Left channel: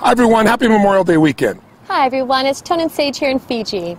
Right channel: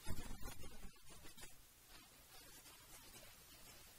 Hi everyone, happy Memorial Day weekend. Hi everyone, it's Tone and Sage here in Fiji.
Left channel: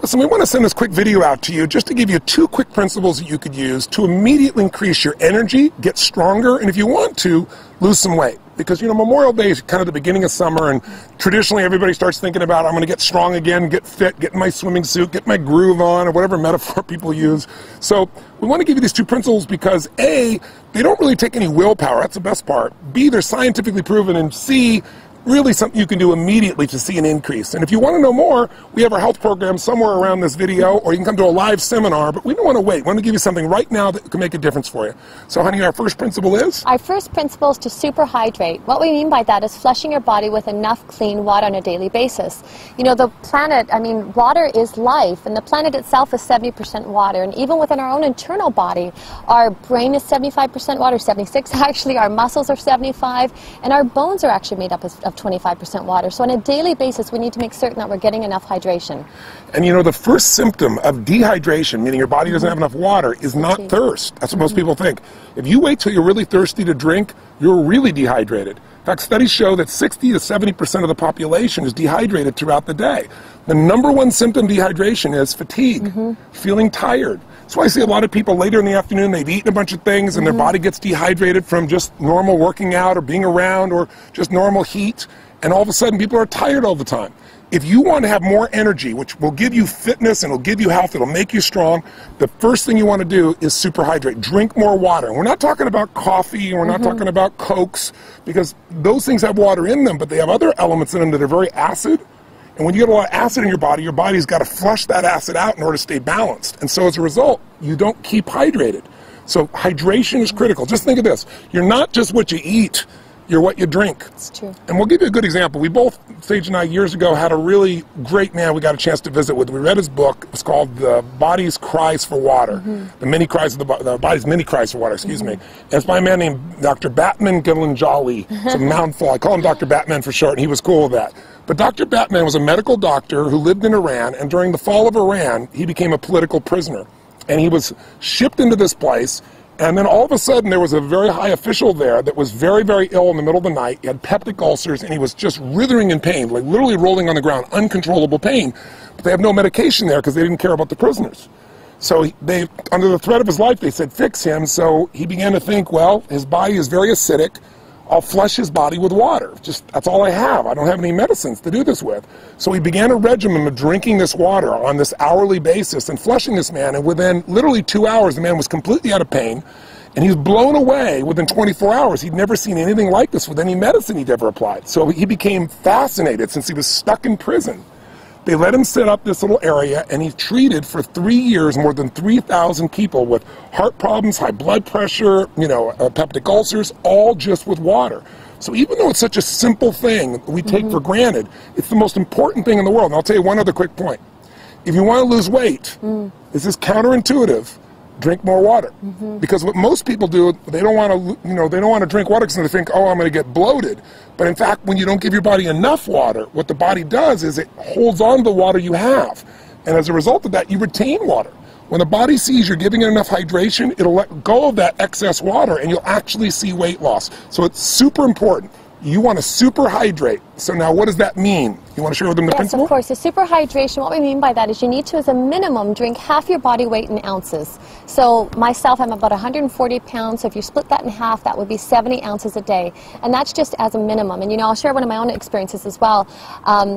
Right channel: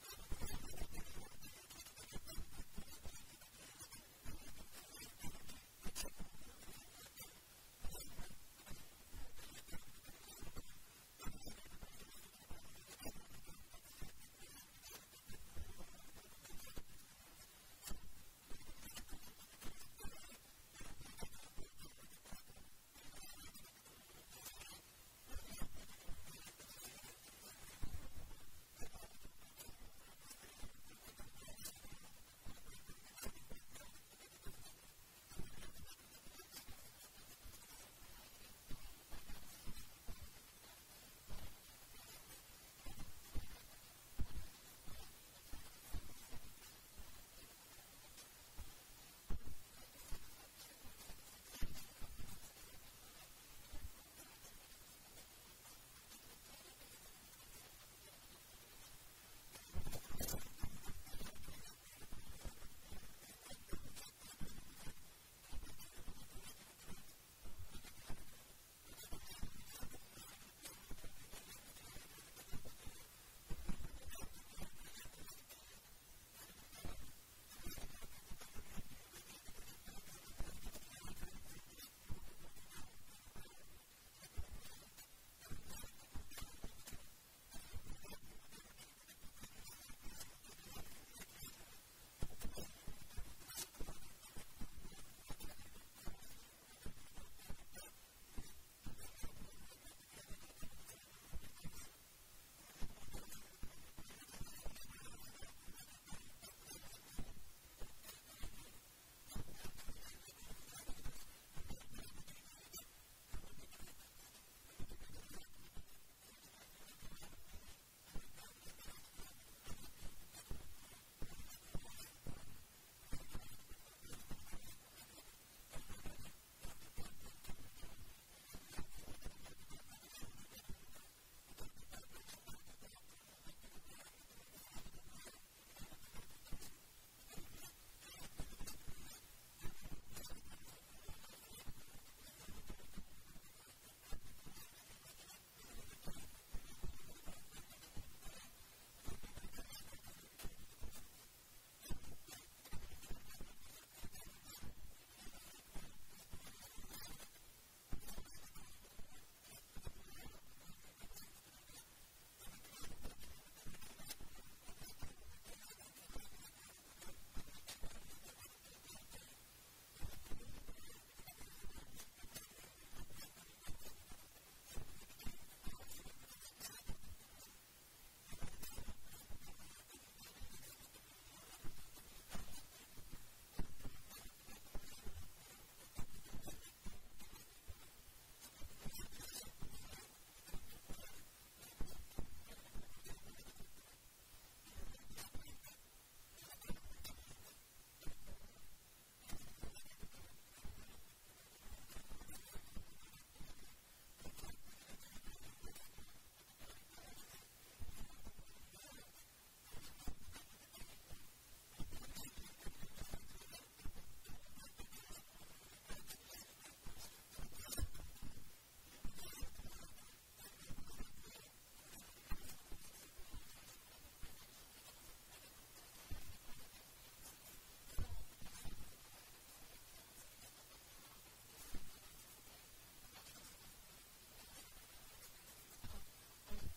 Listen, we want to send this quick video out to you just to give you 2 quick principles that you could use to immediately increase your energy, get stronger, and if you want to, lose some weight. Because, you know, Memorial Day is kind of the beginning of summer, and traditionally everybody starts thinking about, I'm going to get strong again, get fit, get in my swimming suit, get my groove on, or whatever metaphor people use. So we want to give you these 2 principles because A, they don't really take any willpower, that's the best part. B, they're scientifically proven, and C, really something you can do immediately to see an increase. And if you want to know more, we have our health program somewhere around this video, or you can come to a live seminar, but we don't want to wait. We want to give you something right now that can make a difference for you. So honey, our first principle is? Our first principle is to super hydrate. What we mean by that is flushing your body with enough clean water on a daily basis. You know, the planet, I mean, water is life, and the planet itself is 70% water, and even within our own internal body, our brain is 75% water, 76 actually, our muscles are 75, and our bones are actually made up of 25% water. So on a daily basis, we need to make certain that we're getting enough hydration. And you know, the first symptom of dehydration, meaning your body doesn't have enough water, is not thirst. That's what most people think. If you wait till you're really thirsty to drink, you're really dehydrated. In fact, studies show that 60 to 70% of the population is dehydrated throughout the day. The number 1 symptom of dehydration is fatigue, feeling tired. That's why I see a lot of people later in the afternoon, they've eaten a bunch of things and their body gets dehydrated from just normal working out or being around or just normal heat, and all of a sudden people are tired all the time. If you want to have more energy, which will give you fitness and will give you health, it'll make you strong, the first thing you want to do is super hydrate. Drink more water. And we're not talking about coffee, and we're not talking about Cokes, because those things have water in them, but they have other elements in them that are very acid. And when you get a lot of acid in your body's got to flush that acid out in order to stay balanced. And so as a result, you don't keep hydrated. So hydration is critical. Just think of this. You're not just what you eat, you're what you drink. It's true. And we'll give you a good example. We both, Sage and I, years ago, had a really great man we got a chance to visit with. We read his book. It's called The Body's Cries for Water. The Body's Many Cries for Water, excuse me. And it's by a man named Dr. Batman Gilanjali. It's a mouthful. I call him Dr. Batman for short, and he was cool with that. But Dr. Batman was a medical doctor who lived in Iran, and during the fall of Iran, he became a political prisoner. And he was shipped into this place, and then all of a sudden there was a very high official there that was very, very ill in the middle of the night. He had peptic ulcers, and he was just writhing in pain, like literally rolling on the ground, uncontrollable pain. But they have no medication there because they didn't care about the prisoners. So they, under the threat of his life, they said, fix him. So he began to think, well, his body is very acidic. I'll flush his body with water. Just, that's all I have. I don't have any medicines to do this with. So he began a regimen of drinking this water on this hourly basis and flushing this man. And within literally 2 hours, the man was completely out of pain. And he was blown away within 24 hours. He'd never seen anything like this with any medicine he'd ever applied. So he became fascinated since he was stuck in prison. They let him set up this little area, and he treated for 3 years more than 3,000 people with heart problems, high blood pressure, you know, peptic ulcers, all just with water. So even though it's such a simple thing we take for granted, it's the most important thing in the world. And I'll tell you one other quick point. If you want to lose weight, this is counterintuitive. Drink more water. Because what most people do, they don't want to, you know, they don't want to drink water because they think, oh, I'm going to get bloated. But in fact, when you don't give your body enough water, what the body does is it holds on to the water you have. And as a result of that, you retain water. When the body sees you're giving it enough hydration, it'll let go of that excess water, and you'll actually see weight loss. So it's super important. You want to super hydrate. So now what does that mean? You want to share with them the principle? Yes, of course. The super hydration, what we mean by that is you need to, as a minimum, drink half your body weight in ounces. So myself, I'm about 140 pounds, so if you split that in half, that would be 70 ounces a day. And that's just as a minimum. And, you know, I'll share one of my own experiences as well.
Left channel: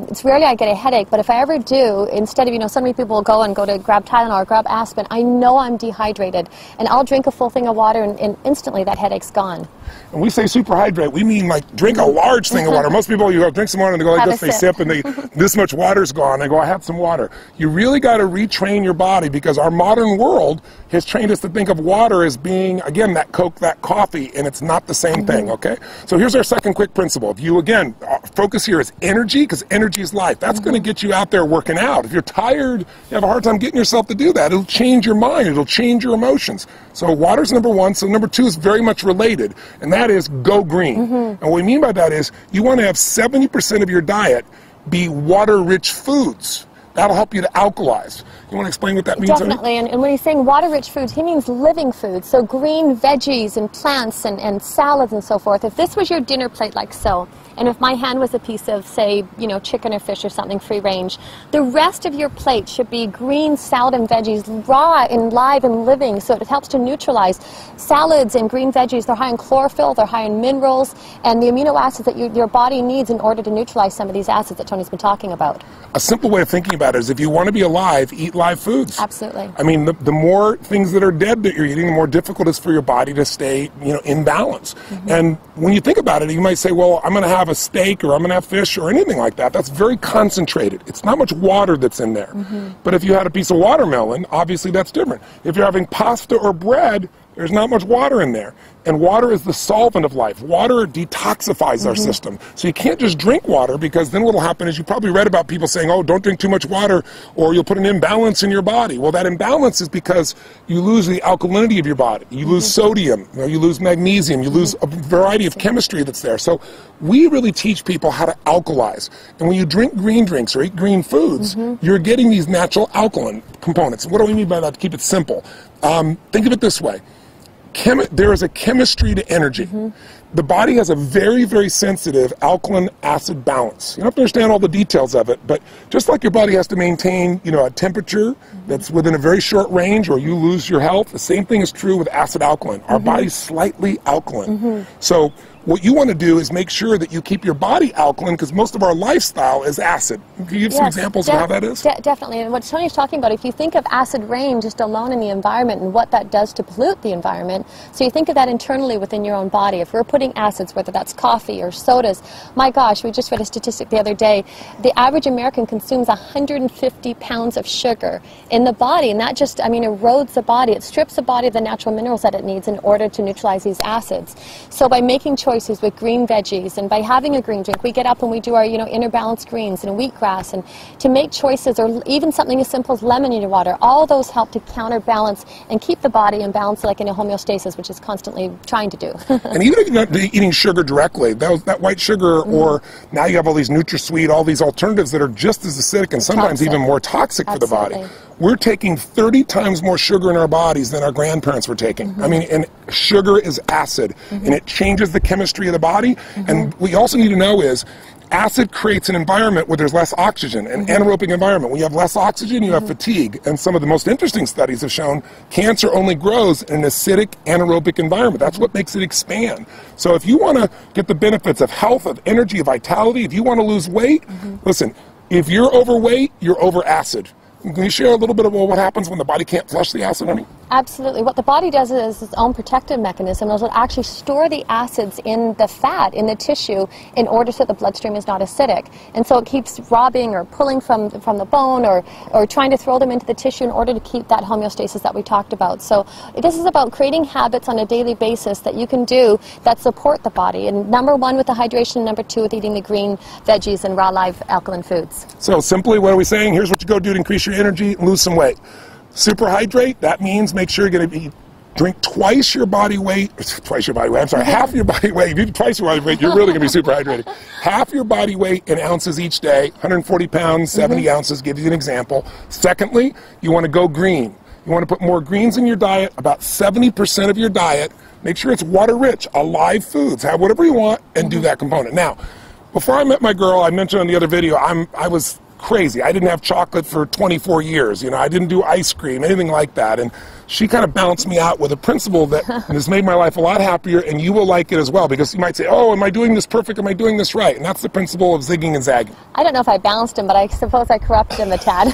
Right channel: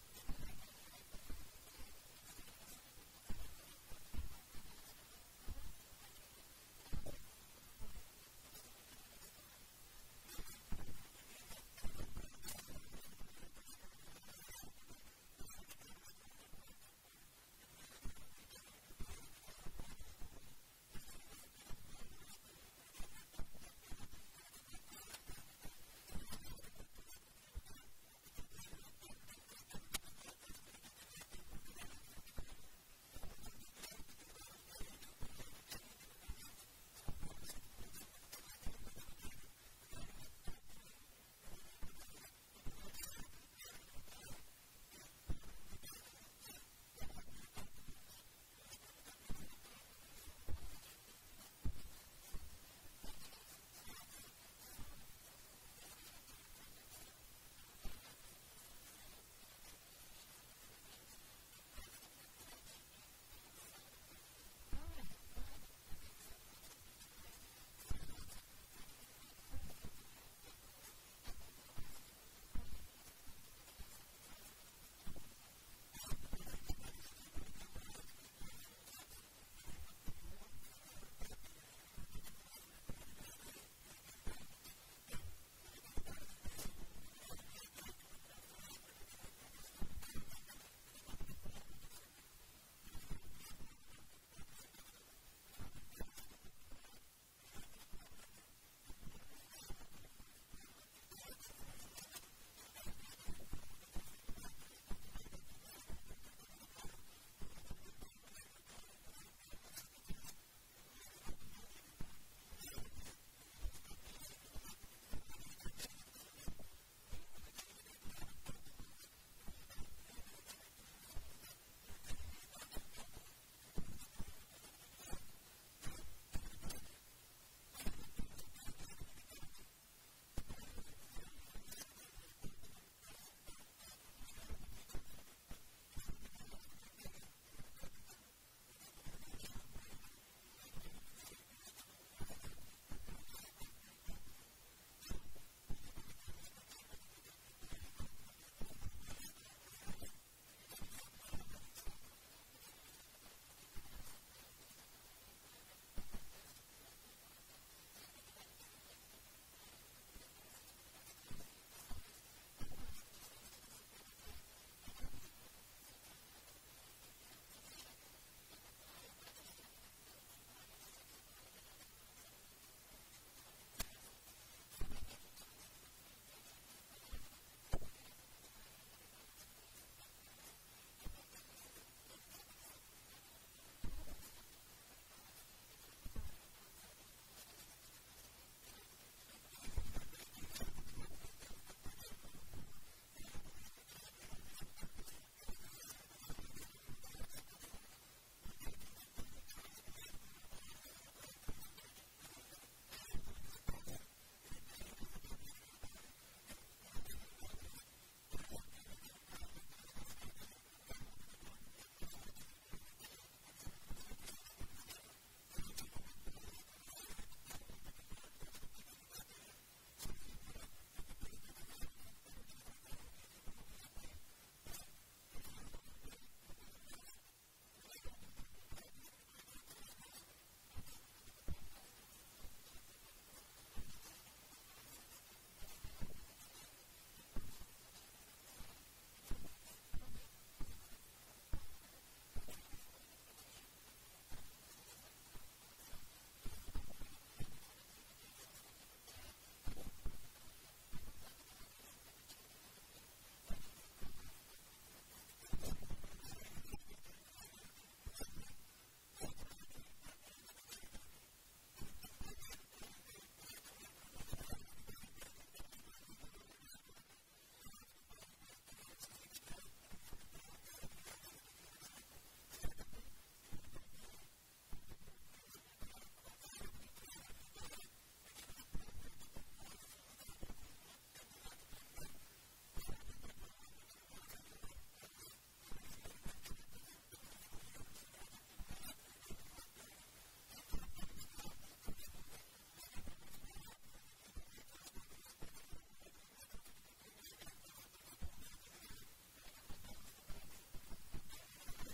It's rarely I get a headache, but if I ever do, instead of, you know, so many people will go to grab Tylenol or grab aspirin, I know I'm dehydrated. And I'll drink a full thing of water, and instantly that headache's gone. When we say super hydrate, we mean like drink a large thing of water. Most people, you go drink some water and they go like this, they sip and this much water's gone. They go, I have some water. You really got to retrain your body because our modern world has trained us to think of water as being, again, that Coke, that coffee, and it's not the same thing, okay? So here's our second quick principle. If you, again, focus here is energy, because energy is life. That's going to get you out there working out. If you're tired, you have a hard time getting yourself to do that. It'll change your mind. It'll change your emotions. So water's number 1. So number 2 is very much related, and that is go green. And what we mean by that is you want to have 70% of your diet be water-rich foods. That'll help you to alkalize. You want to explain what that means? Definitely, and when he's saying water-rich foods, he means living foods, so green veggies and plants and salads and so forth. If this was your dinner plate like so, and if my hand was a piece of, say, you know, chicken or fish or something free range, the rest of your plate should be green salad and veggies, raw and live and living, so it helps to neutralize. Salads and green veggies, they're high in chlorophyll, they're high in minerals, and the amino acids that your body needs in order to neutralize some of these acids that Tony's been talking about. A simple way of thinking about it is if you want to be alive, eat live foods. Absolutely. I mean, the more things that are dead that you're eating, the more difficult it is for your body to stay, you know, in balance. And when you think about it, you might say, well, I'm going to have a steak or I'm going to have fish or anything like that. That's very concentrated. It's not much water that's in there. But if you had a piece of watermelon, obviously that's different. If you're having pasta or bread, there's not much water in there. And water is the solvent of life. Water detoxifies our system. So you can't just drink water, because then what will happen is, you probably read about people saying, oh, don't drink too much water or you'll put an imbalance in your body. Well, that imbalance is because you lose the alkalinity of your body. You lose sodium, you lose magnesium, you lose a variety of chemistry that's there. So we really teach people how to alkalize. And when you drink green drinks or eat green foods, you're getting these natural alkaline components. What do we mean by that, to keep it simple? Think of it this way. There is a chemistry to energy. The body has a very, very sensitive alkaline-acid balance. You don't have to understand all the details of it, but just like your body has to maintain, you know, a temperature that's within a very short range, or you lose your health, the same thing is true with acid-alkaline. Our body's slightly alkaline. So what you want to do is make sure that you keep your body alkaline, because most of our lifestyle is acid. Can you give some examples of how that is? Definitely. And what Tony's talking about, if you think of acid rain just alone in the environment and what that does to pollute the environment, so you think of that internally within your own body. If we're putting acids, whether that's coffee or sodas, my gosh, we just read a statistic the other day, the average American consumes 150 pounds of sugar in the body, and that just, I mean, erodes the body. It strips the body of the natural minerals that it needs in order to neutralize these acids. So by making choices with green veggies and by having a green drink, we get up and we do our, you know, inner balanced greens and wheatgrass, and to make choices, or even something as simple as lemon in your water, all those help to counterbalance and keep the body in balance, like in a homeostasis, which is constantly trying to do. And even if you're not eating sugar directly, that white sugar, or now you have all these NutraSweet, all these alternatives that are just as acidic and sometimes even more toxic for the body. We're taking 30 times more sugar in our bodies than our grandparents were taking. I mean, and sugar is acid, and it changes the chemistry of the body. And what you also need to know is, acid creates an environment where there's less oxygen, an anaerobic environment. When you have less oxygen, you have fatigue. And some of the most interesting studies have shown cancer only grows in an acidic anaerobic environment. That's what makes it expand. So if you want to get the benefits of health, of energy, of vitality, if you want to lose weight, listen, if you're overweight, you're over acid. Can you share a little bit about what happens when the body can't flush the acid, honey? Absolutely. What the body does is its own protective mechanism. It'll actually store the acids in the fat, in the tissue, in order so the bloodstream is not acidic. And so it keeps robbing or pulling from the bone, or trying to throw them into the tissue in order to keep that homeostasis that we talked about. So this is about creating habits on a daily basis that you can do that support the body. And number one with the hydration, number two with eating the green veggies and raw live alkaline foods. So simply, what are we saying? Here's what you go do to increase your energy and lose some weight. Superhydrate, that means make sure you're going to drink twice your body weight, I'm sorry, half your body weight. If you do twice your body weight, you're really going to be super hydrated. Half your body weight in ounces each day, 140 pounds, 70 ounces, give you an example. Secondly, you want to go green. You want to put more greens in your diet, about 70% of your diet. Make sure it's water-rich, alive foods. Have whatever you want and do that component. Now, before I met my girl, I mentioned on the other video, I was crazy. I didn't have chocolate for 24 years. You know, I didn't do ice cream, anything like that. And she kind of balanced me out with a principle that has made my life a lot happier, and you will like it as well, because you might say, oh, am I doing this perfect? Am I doing this right? And that's the principle of zigging and zagging. I don't know if I balanced him, but I suppose I corrupted him a tad.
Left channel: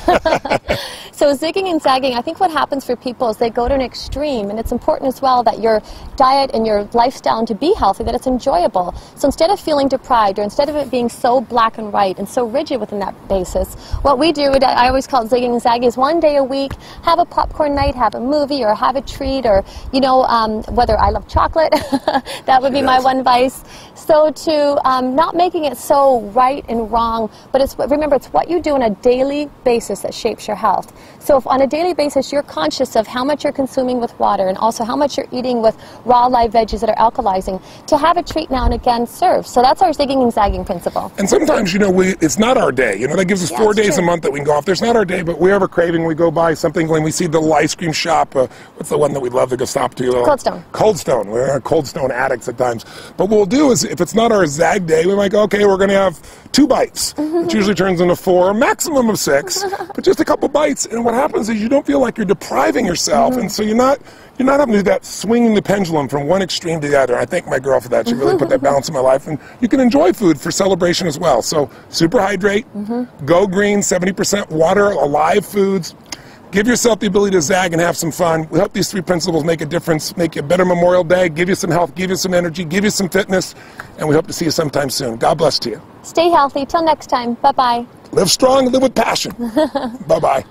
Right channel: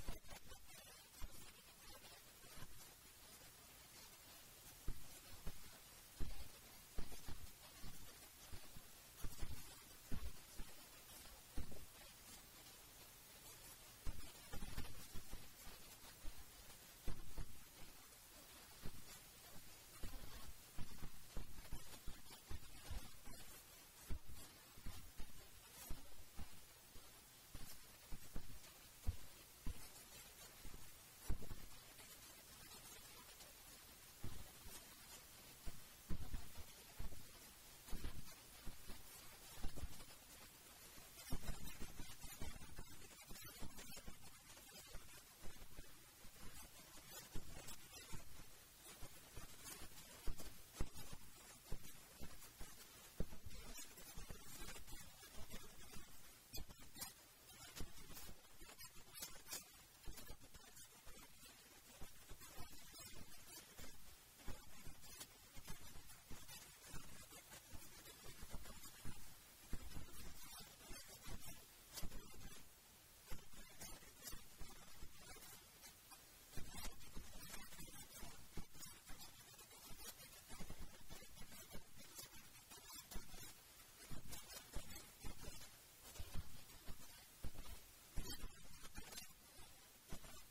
So zigging and zagging, I think what happens for people is they go to an extreme, and it's important as well that your diet and your lifestyle, and to be healthy, that it's enjoyable. So instead of feeling deprived, or instead of it being so black and white and so rigid within that basis, what we do, I always call it zigging and zagging, is one day a week, have a popcorn night, have a movie, movie or have a treat, or, you know, whether I love chocolate, that would be my one vice. So to not making it so right and wrong, but remember, it's what you do on a daily basis that shapes your health. So if on a daily basis you're conscious of how much you're consuming with water and also how much you're eating with raw live veggies that are alkalizing, to have a treat now and again serves. So that's our zigging and zagging principle. And sometimes, you know, it's not our day. You know, that gives us 4 days a month that we can go off. There's not our day, but we have a craving. We go buy something when we see the little ice cream shop. What's the one that we love to go stop to? Cold Stone. Cold Stone. We're Cold Stone addicts at times. But what we'll do is, if it's not our zag day, we might go, okay, we're going to have 2 bites, which usually turns into 4, maximum of 6, but just a couple bites. And what happens is you don't feel like you're depriving yourself, and so you're not having to do that swinging the pendulum from one extreme to the other. I thank my girl for that. She really put that balance in my life. And you can enjoy food for celebration as well. So super hydrate, go green, 70% water, alive foods. Give yourself the ability to zag and have some fun. We hope these 3 principles make a difference, make you a better Memorial Day, give you some health, give you some energy, give you some fitness, and we hope to see you sometime soon. God bless to you. Stay healthy. Till next time. Bye-bye. Live strong, live with passion. Bye-bye.